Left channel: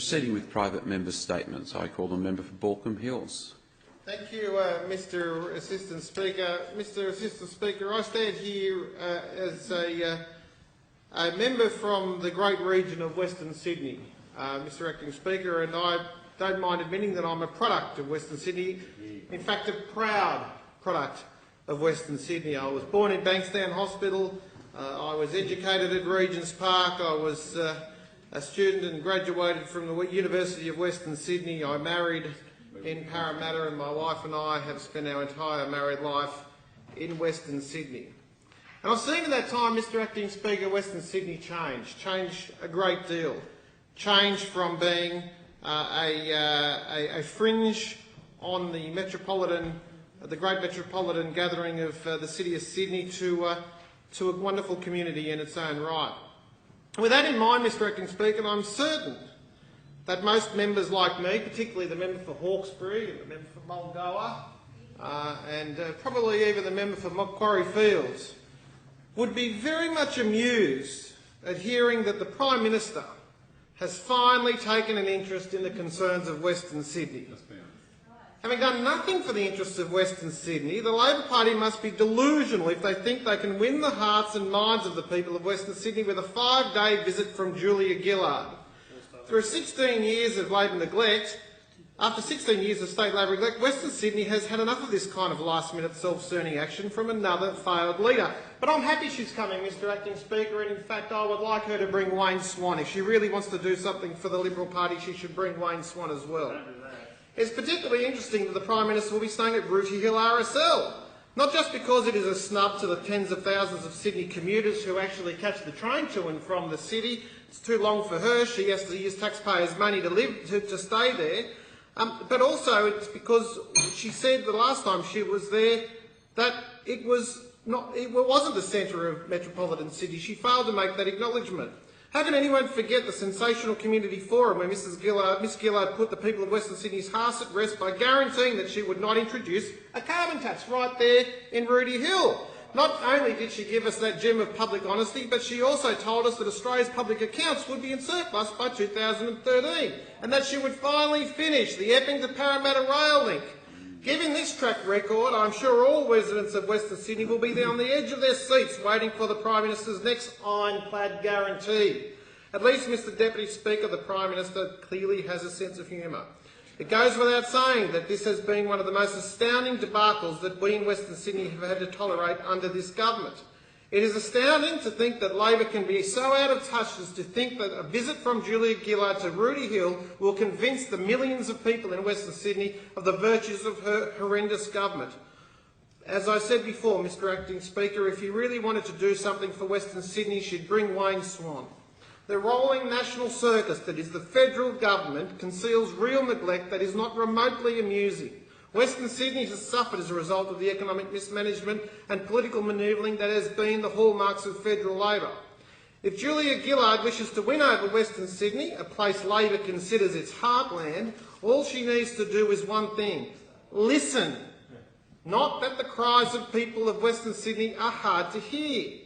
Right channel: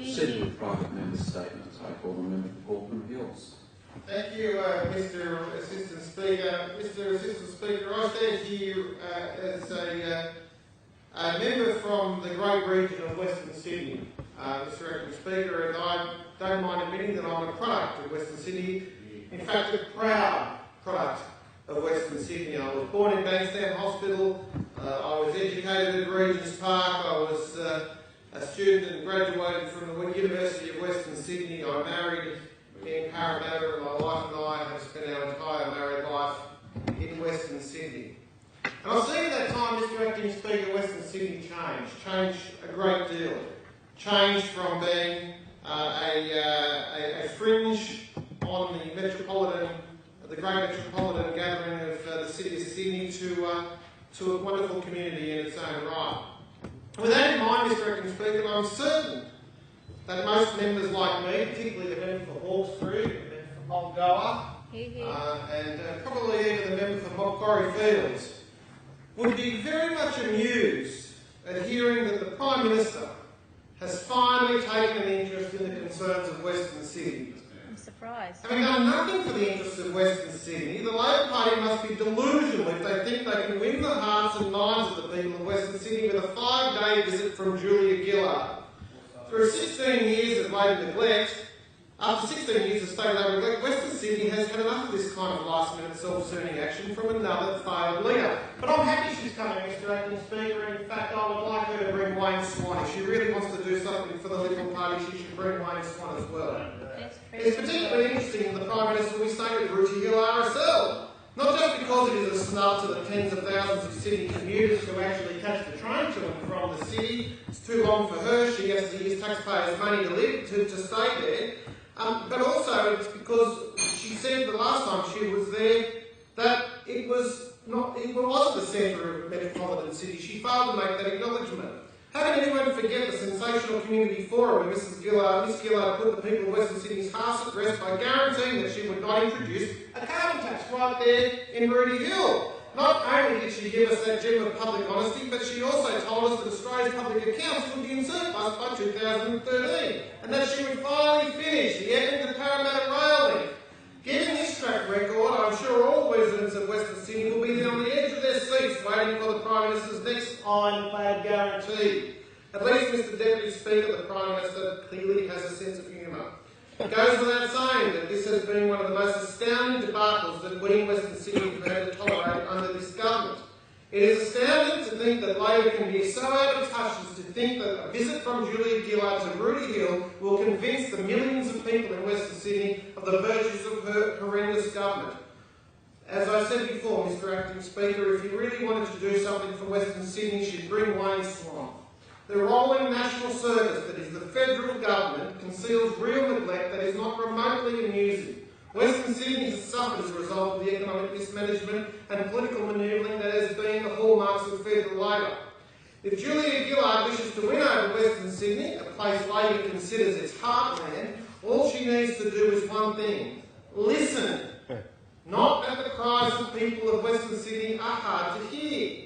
Proceeding with private member statements, I call the member for Balcombe Hills. Thank you, Mr Assistant Speaker. Mr Assistant Speaker, I stand here as a member from the great region of Western Sydney, Mr Acting Speaker, and I don't mind admitting that I'm a product of Western Sydney, in fact a proud product of Western Sydney. I was born in Bankstown Hospital, I was educated at Regent's Park, I was a student and graduated from the University of Western Sydney. I married in Parramatta, and my wife and I have spent our entire married life in Western Sydney. And I've seen at that time, Mr Acting Speaker, Western Sydney change a great deal. Change from being a fringe on the great metropolitan gathering of the city of Sydney to a wonderful community in its own right. With that in mind, Mr Acting Speaker, I'm certain that most members like me, particularly the member for Hawkesbury, the member for Mulgoa, and probably even the member for Macquarie Fields, would be very much amused at hearing that the Prime Minister has finally taken an interest in the concerns of Western Sydney. I'm surprised. Having done nothing for the interests of Western Sydney, the Labor Party must be delusional if they think they can win the hearts and minds of the people of Western Sydney with a 5-day visit from Julia Gillard. Through 16 years of Labor neglect, after 16 years of state Labor neglect, Western Sydney has had enough of this kind of last-minute self-serving action from another failed leader. But I'm happy she's coming, Mr Acting Speaker, and in fact I would like her to bring Wayne Swan. If she really wants to do something for the Liberal Party, she should bring Wayne Swan as well. It's particularly interesting that the Prime Minister will be staying at Rooty Hill RSL, not just because it is a snub to the tens of thousands of Sydney commuters who actually catch the train to and from the city. It's too long for her. She has to use taxpayers' money to stay there. But also it's because she said the last time she was there that it wasn't the centre of metropolitan Sydney. She failed to make that acknowledgement. How can anyone forget the sensational community forum where Miss Gillard put the people of Western Sydney's hearts at rest by guaranteeing that she would not introduce a carbon tax right there in Rooty Hill? Not only did she give us that gem of public honesty, but she also told us that Australia's public accounts would be in surplus by 2013 and that she would finally finish the Epping to Parramatta rail link. Given this track record, I'm sure all residents of Western Sydney will be there on the edge of their seats waiting for the Prime Minister's next ironclad guarantee. At least, Mr Deputy Speaker, the Prime Minister clearly has a sense of humour. It goes without saying that this has been one of the most astounding debacles that we in Western Sydney have had to tolerate under this government. It is astounding to think that Labor can be so out of touch as to think that a visit from Julia Gillard to Rooty Hill will convince the millions of people in Western Sydney of the virtues of her horrendous government. As I said before, Mr Acting Speaker, if you really wanted to do something for Western Sydney, she'd bring Wayne Swan. The rolling national circus that is the federal government conceals real neglect that is not remotely amusing. Western Sydney has suffered as a result of the economic mismanagement and political manoeuvring that has been the hallmarks of federal Labor. If Julia Gillard wishes to win over Western Sydney, a place Labor considers its heartland, all she needs to do is one thing: listen. Not that the cries of people of Western Sydney are hard to hear.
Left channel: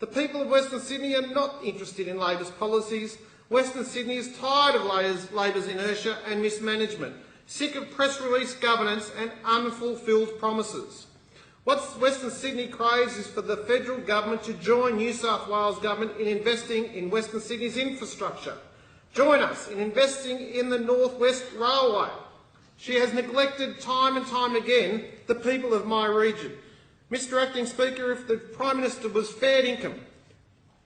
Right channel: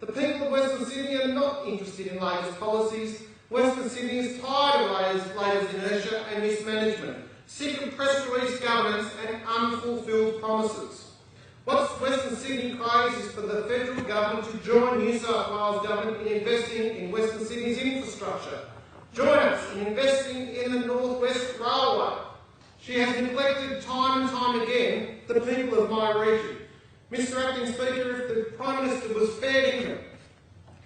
The people of Western Sydney are not interested in Labor's policies. Western Sydney is tired of Labor's inertia and mismanagement, sick of press release governance and unfulfilled promises. What Western Sydney craves is for the federal government to join New South Wales government in investing in Western Sydney's infrastructure. Join us in investing in the North West Railway. She has neglected time and time again the people of my region. Mr Acting Speaker, if the Prime Minister was fair income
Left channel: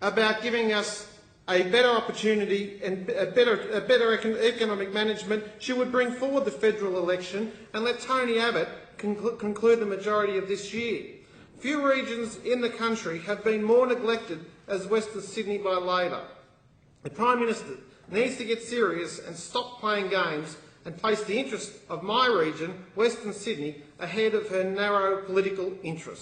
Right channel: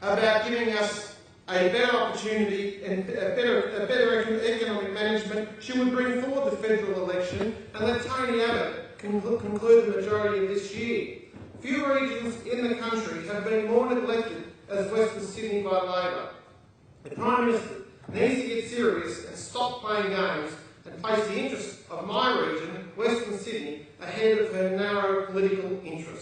about giving us a better opportunity and a better economic management, she would bring forward the federal election and let Tony Abbott conclude the majority of this year. Few regions in the country have been more neglected as Western Sydney by Labor. The Prime Minister needs to get serious and stop playing games and place the interests of my region, Western Sydney, ahead of her narrow political interests.